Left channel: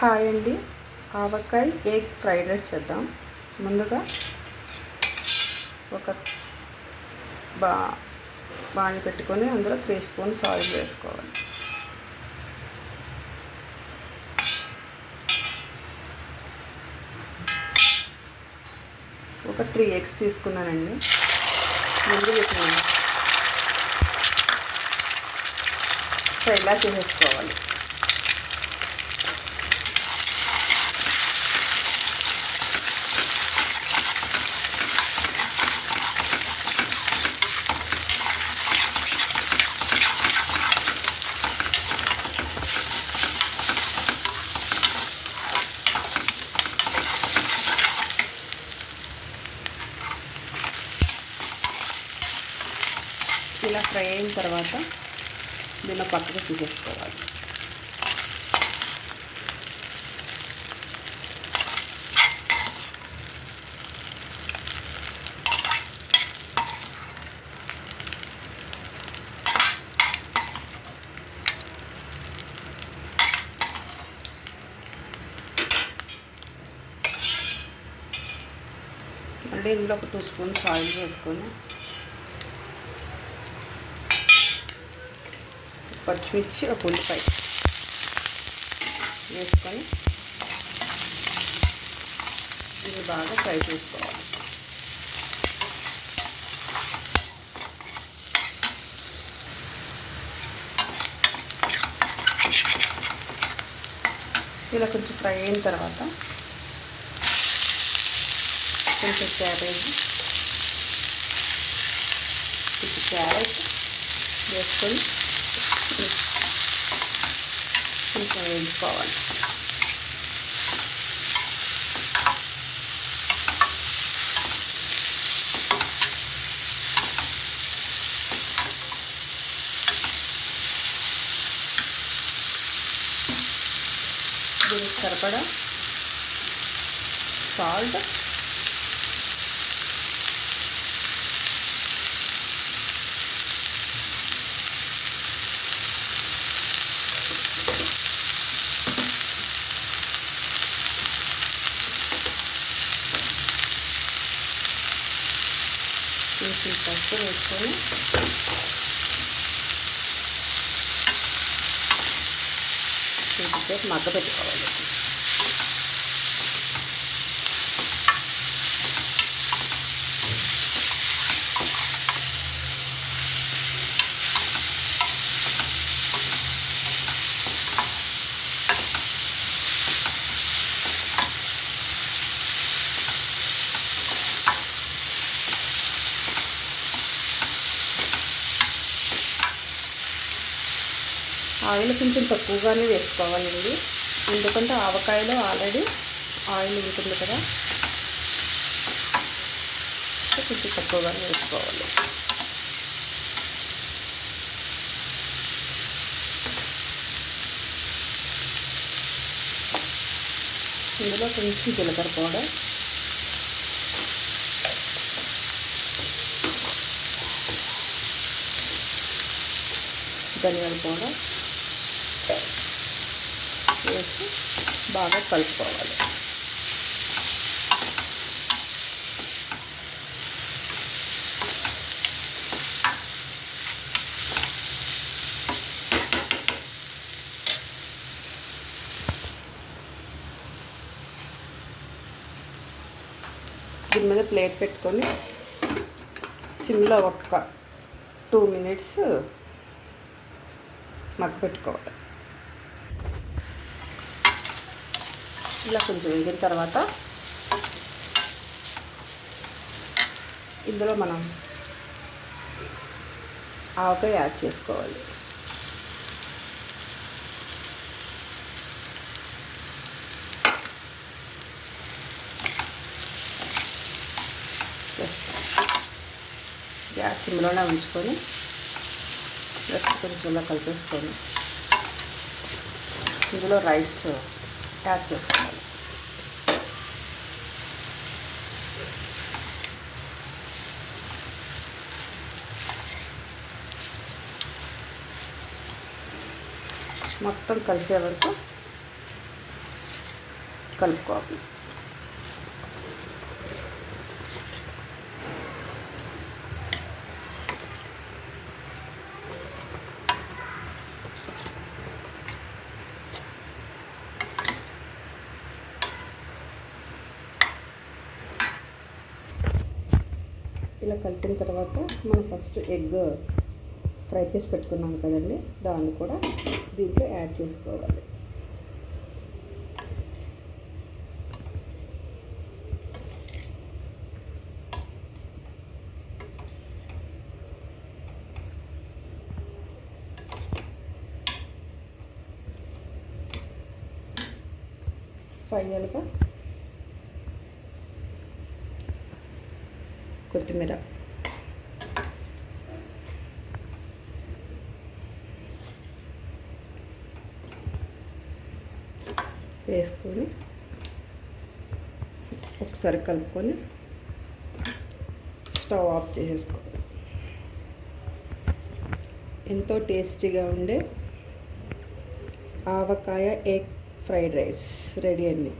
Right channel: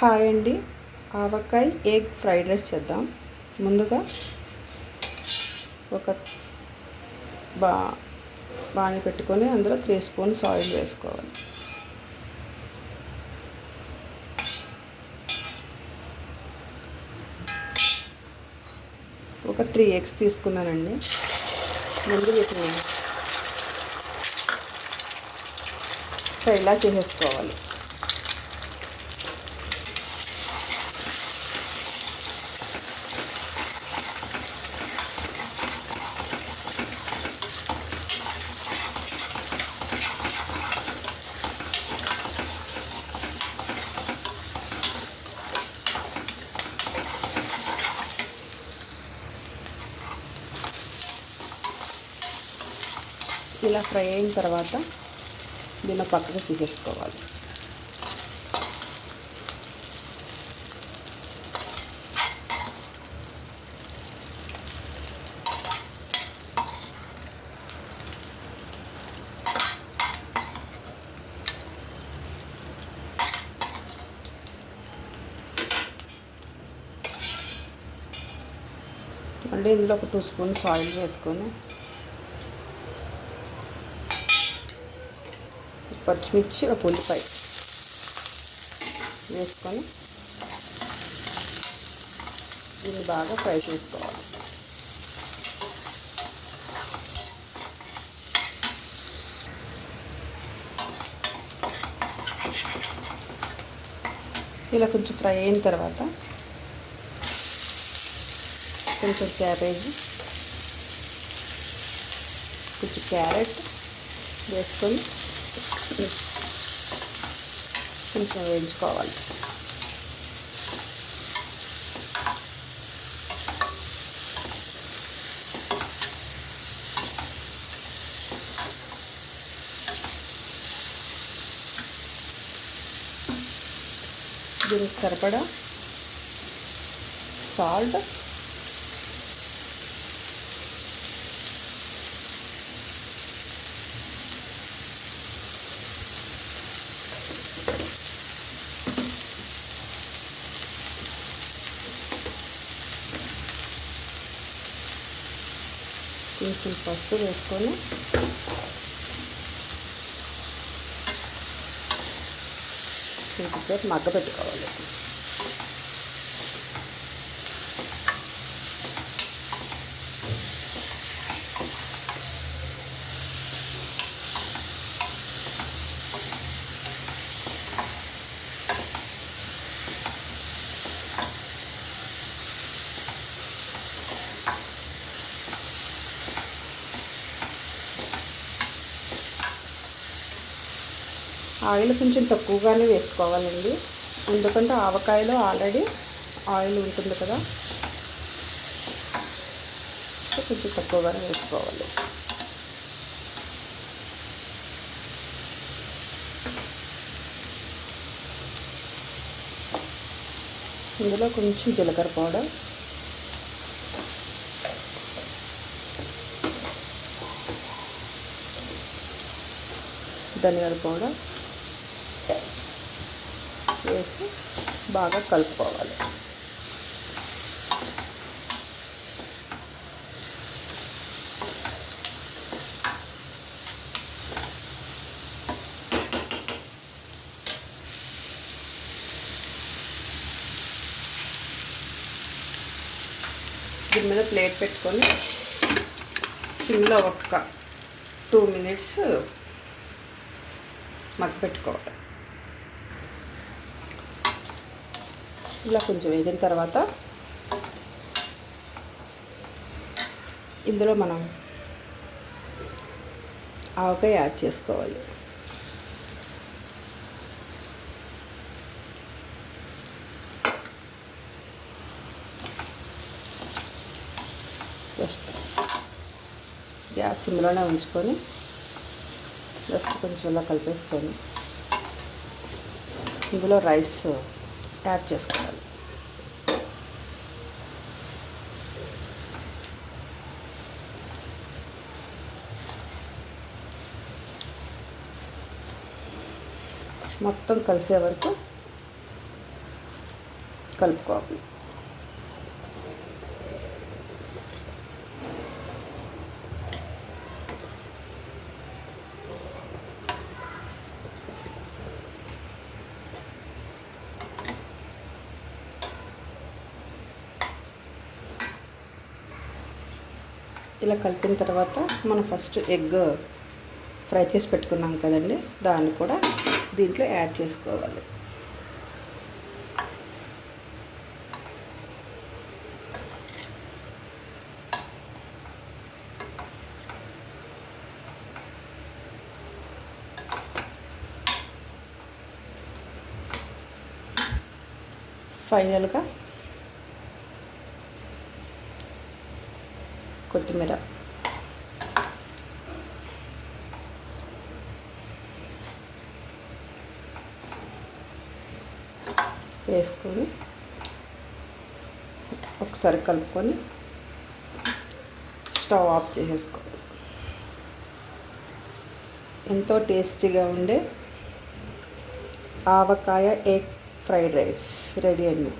Hi అండి. ఆవకాయ egg fried rice చేద్దాం. ముందుగా ఒక బా బాణి పెట్టుకొని అందులో త్రీ స్పూన్స్ ఆయిల్ వేసుకోవాలి. ఒక త్రీ ఎగ్స్ తీసుకున్నానండి. ముందు పెట్టినాను సో ఇలా చేసేసుకోవాలి. ఇలా ఫ్రై అయిన తర్వాత దీన్ని పక్కకు తీసేసుకోవాలి. మళ్ళీ ఇందులో ఒక టూ స్పూన్స్ ఆయిల్ వేసుకొని పచ్చిమిర్చి ఒక ఉల్లిపాయ వేసుకొని ఇది బాగా ఫ్రై చేసుకోవాలి. ఇలా కొంచెం ఫ్రై అయిన తర్వాత కొంచెం క్యాబేజీ కొంచెం క్యారెట్ వేసుకొని కొంచెం వేయించుకోవాలి. దీనికి సరిపడా సాల్ట్ కొంచెం పసుపు వేసుకొని కొద్దిసేపు మగ్గ పెట్టుకోవాలి. ఆయిల్ కొంచెం తక్కువగానే వేసుకోవాలండి. ఎందుకంటే ఆవకాయలో ఆల్రెడీ ఆయిల్ ఉంటుంది కదా. కొంచెం తక్కువగానే వేసుకోవాలి. ఇందులో కొంచెం జీలకర్ర పౌడర్. ధనియాల పౌడర్. వేసి బాగా కలుపుకోవాలి. దీని మీద ప్లేట్ పెట్టుకొని సిమ్లో ఒక్క టూ మినిట్స్ మగ్గ పెట్టుకోవాలి. ఇలా కొంచెం వేగిన తర్వాత ఇందులో మనం ఆవకాయ యాడ్ చేసుకోవాలి. జస్ట్ గ్యాస్ సిమ్లోనే ఉంచుకొని జస్ట్ కొంచెం ఇలా కలిపేసుకొని ఇందులో రైస్ యాడ్ చేసుకోవాలి. మొత్తం కలిసే వరకు కలుపుకోవాలి. ఇలా కలిపిన తర్వాత మనం ఫస్ట్ ఎగ్ ఫ్రై చేసి పెట్టుకున్నాం కదండి. దాన్ని కూడా దీంట్లో యాడ్ చేసుకోవాలి. ఫైనల్గా కొత్తిమీర. వేసుకొని ఒకసారి కలుపుకొని స్టవ్ ఆఫ్ చేసేసుకోవాలి ఎంతో టేస్టీగా ఉండే ఆవకాయ ఎగ్ ఫ్రైడ్ రైస్ రెడీ అండి.